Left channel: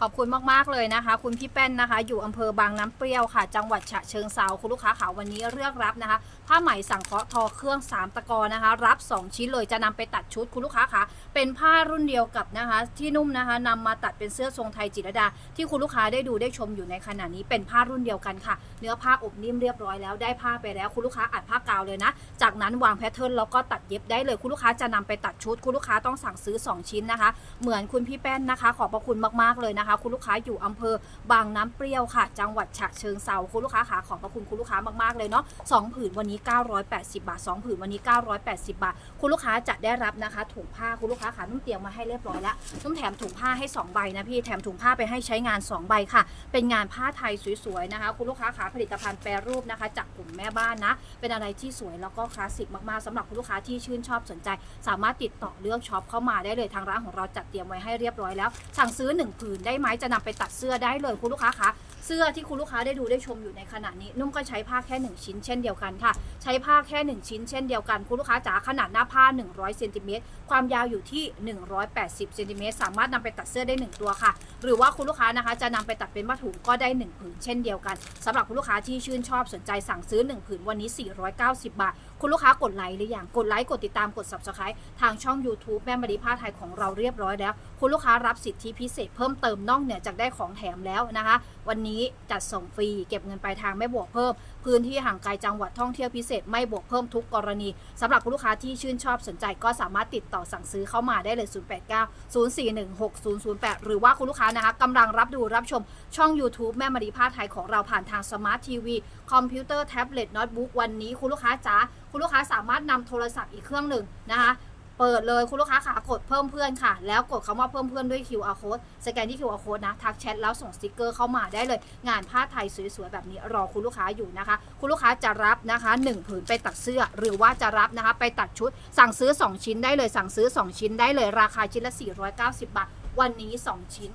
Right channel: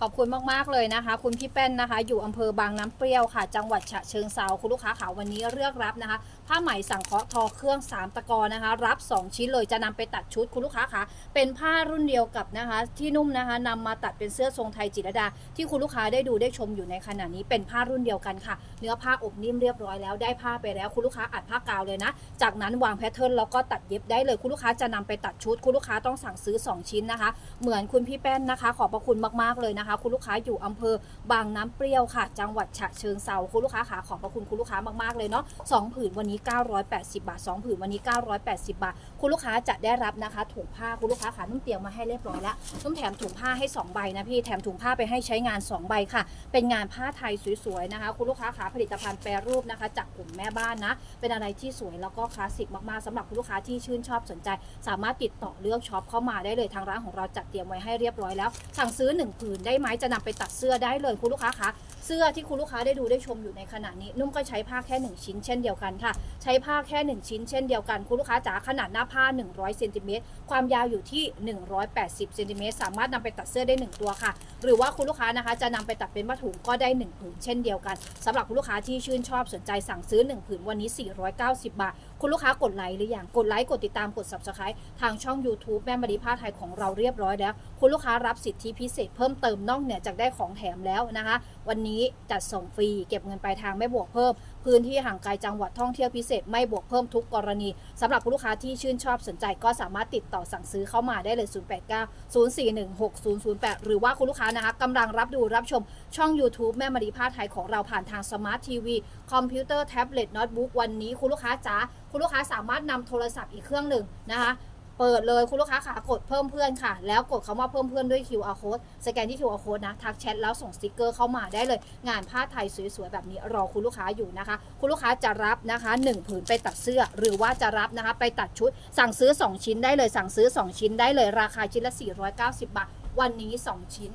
ขอบคุณมากๆเลยนะคะ คุณพี่แป้นนะคะ อยู่อำเภอบางน้ำเปรี้ยวค่ะ จังหวัดฉะเชิงเซาคุณลูกค้าค่ะวันนี้เลือกรับนะคะ ผ้าไหมสังเคราะห์ทอเครื่อง 3 ตะกอนะคะ รับ 2 ชิ้นเลยจะนำไปตัดชุดคุณลูกค้าค่ะเป็นผ้ารุ่นเดียวกับนะคะ ที่นุ่มนะคะนำมาตัดเป็นเสื้อทรงไทยจิรดา ที่คุณลูกค้าได้ดูได้ชมอยู่ในขณะนี้เป็นผ้ารุ่นเดียวกันค่ะ เนื้อผ้าอบนิ่มเรียบร้อยแล้วได้ผ้าไปแล้วคุณลูกค้าอัดผ้ากาวเลยนะ จากนั้นวางแพทเทิร์นแล้วก็ตัดเย็บได้เลยคุณลูกค้าจะนำไปตัดชุด คุณลูกค้าต้องสั่งซื้อ 2 ชิ้นนะคะ เหมือนคุณพี่แป้นนะคะ ขอบพระคุณมากๆเลยนะคะคุณลูกค้าอยู่อำเภอบางน้ำเปรี้ยวค่ะ จังหวัดฉะเชิงเซาคุณลูกค้าขาขอบพระคุณคุณลูกค้ามากๆเลยเนาะสองผืนวันนี้ 980 บาทสองผืนวันนี้ 980 บาท คุณลูกค้าจะได้รับนะคะ ถุงผ้าคุณลูกค้าขานุ่มเตียมมาให้เรียบร้อยแล้วนุ่มแถมถุงผ้าให้ 2 ใบนะพี่แถมถุงผ้าไปให้ใช้งาน 2 ใบค่ะ เป็นงานผ้าไทยสวยๆนะคะ คุณลูกค้าขาผลิตภัณฑ์แปรรูปนะคะ จากกลุ่มแม่บ้านนะ เป็นอะไรที่สวยแล้วก็คลาสสิกมากๆสำหรับคุณลูกค้าที่ชื่นชอบสนใจ สามารถติดต่อเลือกช็อปเข้ามาได้เลยทางร้านของเราจัดเตรียมไว้ให้เรียบร้อยแล้ว สั่งซื้อหนึ่งผืนได้ไหมจะนำไปตัดเสื้อได้เลยคุณลูกค้าคะ เสื้อที่คุณลูกค้าได้ดูได้ชมอยู่ในขณะนี้ นุ่มก็ใช้ผ้าแค่ 1 ชิ้นเช่นเดียวกันค่ะ ใช้ผ้าแค่ 1 ชิ้นเช่นเดียวกันคุณลูกค้าจ๋าขนาดหน้าผ้า 100เซนติเมตรความยาวอยู่ที่ 180เซนติเมตรสามารถนำไปตัดเสื้อได้ 1 ตัวค่ะ หรือว่าคุณลูกค้านะคะจะนำไปตัดเป็นผ้าถุงก็ได้ 1 ผืนเช่นเดียวกันสำหรับคุณลูกค้าที่ชื่นชอบสนใจสั่งซื้อ 1 ผืนวันนี้ 490 บาท คุณลูกค้ากดไลค์หรือยังกดไลค์กดติดตามกด subscribe ทางช่อง YouTube แม่มารีผ้าไทยของเราเรียบร้อยแล้ว คุณลูกค้ารับสิทธิพิเศษเพิ่มเติมนอกเหนือจากได้ของแถมแล้วนะคะ วันนี้จัดส่งฟรีเก็บเงินปลายทางไม่บวกเพิ่ม พื้นที่ห่างไกลจังหวัดท่องเที่ยวพิเศษไม่บวกเพิ่มทุกกรณีสำหรับคุณลูกค้าที่ชื่นชอบสนใจก็สามารถติดต่อสั่งซื้อเข้ามาได้เลย 089 041 6008 หรือว่าคุณลูกค้านะคะกำลังรับดูรับชมช่อง YouTube แม่มารีผ้าไทยของเราผ่านทางสมาร์ททีวีคอมพิวเตอร์แท็บเล็ตโน้ตบุ๊กวันนี้คุณลูกค้าจ๋าคุณลูกค้าสามารถนำโทรศัพท์อีกเครื่องหนึ่งนะคะ เปิดเลยคุณลูกค้าค่ะกดเพิ่มเพื่อนค่ะ แล้วกดคำว่าเพิ่มเพื่อนด้วย QR code สแกนที่ QR code นะ ทักแชทแล้วส่งสติกเกอร์เข้ามาได้เลย งานผ้าไทยสวยๆ แบบนี้รอคุณลูกค้าอยู่นะคะ คุณลูกค้าจะรับนะคะ1ผืนไปตัดเสื้อ หรือว่าจะรับนะคะ ไปตัดชุด สั่งซื้อ 2 ชิ้นได้เลย สั่งซื้อ 2 ชิ้นได้เลย ราคาชิ้นละ 490 บาท วันนี้ 2 ชิ้น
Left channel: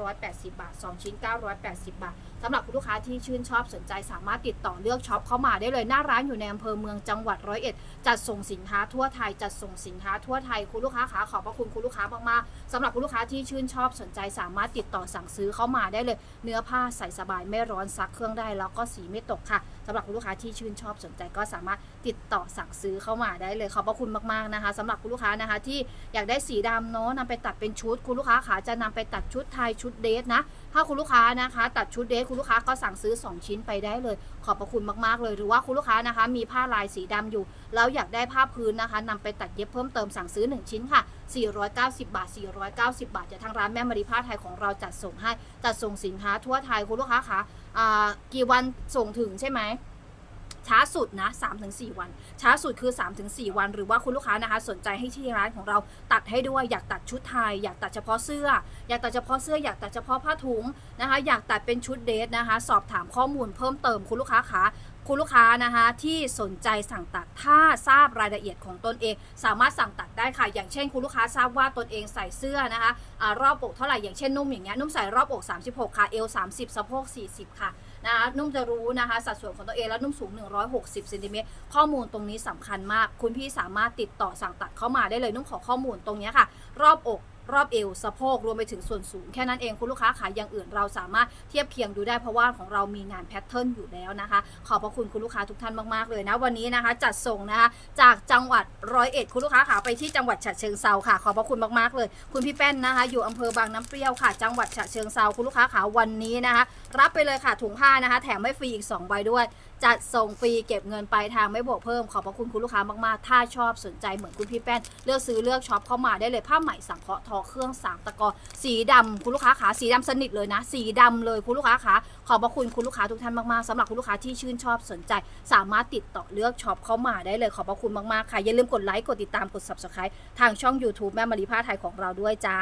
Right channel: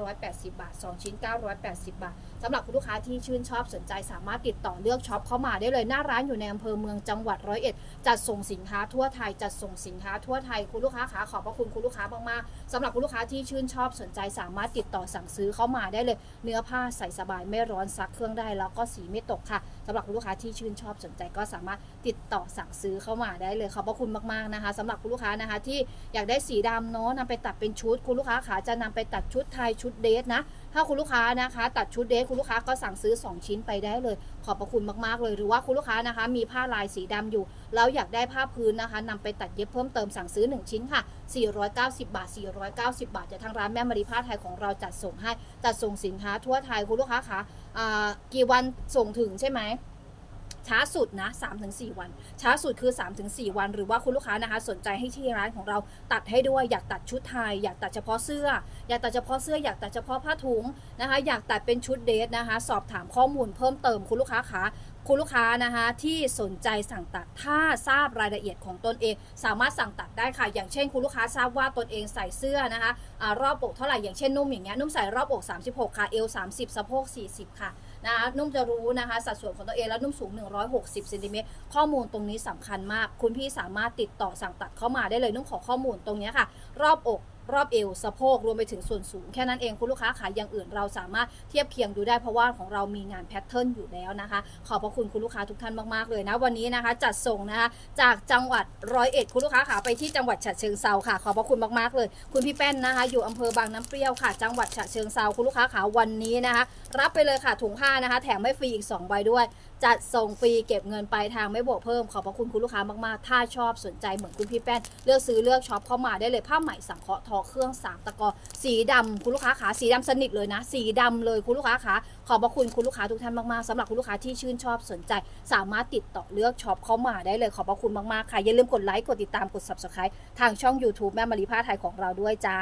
980 บาท 2 ชิ้น 980 บาทสำหรับคุณลูกค้าที่ชื่นชอบสนใจสามารถติดต่อเลือกช็อปเข้ามาได้เลยหน้าร้านอยู่ในอำเภอเมืองจังหวัดร้อยเอ็ดจัดส่งสินค้าทั่วไทยจัดส่งสินค้าทั่วไทยคุณลูกค้าขาขอบพระคุณคุณลูกค้ามากๆสำหรับคุณลูกค้าที่ชื่นชอบสนใจสามารถติดต่อสั่งซื้อเข้ามาได้เลย เนื้อผ้าใส่สบายไม่ร้อนซักเครื่องได้แล้วก็สีไม่ตกค่ะสำหรับคุณลูกค้าที่ชื่นชอบสนใจก็สามารถติดต่อสั่งซื้อเข้ามาได้เลยขอบพระคุณมากๆนะคะสำหรับคุณลูกค้านะคะที่อยากได้สีดำเนาะนำไปตัดเป็นชุดคุณลูกค้าขาจะนำไปตัดชุดไทยชุดเดทนะ ถ้าคุณลูกค้านะคะ ตัดชุดเดทคุณลูกค้าก็สั่งซื้อ 2 ชิ้นไปได้เลย ขอบพระคุณมากๆเลย หรือว่าคุณลูกค้านะคะ มีผ้าลายสีดำอยู่ แล้วอยากได้ผ้าพื้นนะคะนำไปตัดเย็บเพิ่มเติมสั่งซื้อ 1 ชิ้นค่ะ 490 บาท 490 บาทจะทางร้านแม่มารีผ้าไทยของเราจัดส่งให้จัดส่งสินค้าทั่วไทยคุณลูกค้าคะกี่วันส่งถึงใช่ไหม ช้าสุดนะ3-4 วัน ช้าสุดคือ 3-4 วัน หรือว่าคุณลูกค้านะคะ สนใจให้ที่ร้านของเราตัดให้ด้วยอยากตัดชุดไทย อยากตัดเฉพาะเสื้อ อยากตัดเฉพาะเสื้ออยากตัดเฉพาะผ้าถุงนะคะ อยากตัดเป็นชุดเดทนะคะ สอบถามข้อมูลเพิ่มเติมคุณลูกค้าคะคุณลูกค้านะคะที่สนใจสั่งตัดถ้าทราบรายละเอียดของตนเอง สามารถสั่งตัดได้ค่ะ อย่างเช่น คุณลูกค้าทราบว่าตนเองใส่เสื้อนะคะอรอบอกเท่าไหร่อย่างเช่นนุ่มอย่างเงี้ยนุ่มใส่รอบอก 36 ค่ะเอว30สะโพก40 ค่ะ นะคะนุ่มจะรู้นะคะ สัดส่วนของตัวเองแล้วนุ่มสูง 160เซนติเมตรข้อมูลตรงนี้สำคัญมาก คุณพี่สามารถติดต่อสั่งตัดเข้ามาได้เลยนุ่มขอข้อมูลตรงนี้ค่ะ รอบอก รอบเอวสะโพกรวมไปถึงส่วนสูง แค่นั้นเองคุณลูกค้าขายอย่างอื่นเราสามารถเทียบเคียงดูได้เพราะว่าของเรามีงานแพทเทิร์นอยู่แล้วนะคะ ขอบพระคุณคุณลูกค้าทุกท่านมากๆเลยนะวันนี้นะคะ จัดส่งนะคะจากจังหวัดร้อยเอ็ดคุณลูกค้าขาไปที่จังหวัดฉะเชิงเซาค่ะ ขอบพระคุณมากๆเลย คุณพี่แป้นนะคะ อยู่อำเภอบางน้ำเปรี้ยวค่ะ จังหวัดฉะเชิงเซาคุณลูกค้าขาวันนี้นะคะ รับไปเลยค่ะถุงผ้านะคะ แถมไม่ฟรีอีก2ใบด้วยจัดส่งฟรีเก็บเงินปลายทางไม่บวกเพิ่มขอบพระคุณคุณลูกค้ามากๆ ถ้าชอบสนใจเหมือนคุณพี่แป้น เลือกซื้อเลือกช็อปเข้ามาได้เลยผ้าไหมสังเคราะห์ทอเครื่องสามตะกอสีดำคุณลูกค้าขาสีดำสนิทเลยนะ สีดำเลยคุณลูกค้าขาขอบพระคุณคุณลูกค้าทุกท่านมากๆสำหรับคุณลูกค้าที่ชื่นชอบสนใจ สามารถติดต่อเลือกช็อปเข้ามาได้เลยขอบพระคุณมากๆค่ะอย่าลืมกดไลค์กดติดตามกด subscribe ทางช่อง YouTube แม่มารีผ้าไทยของเราด้วยจ้า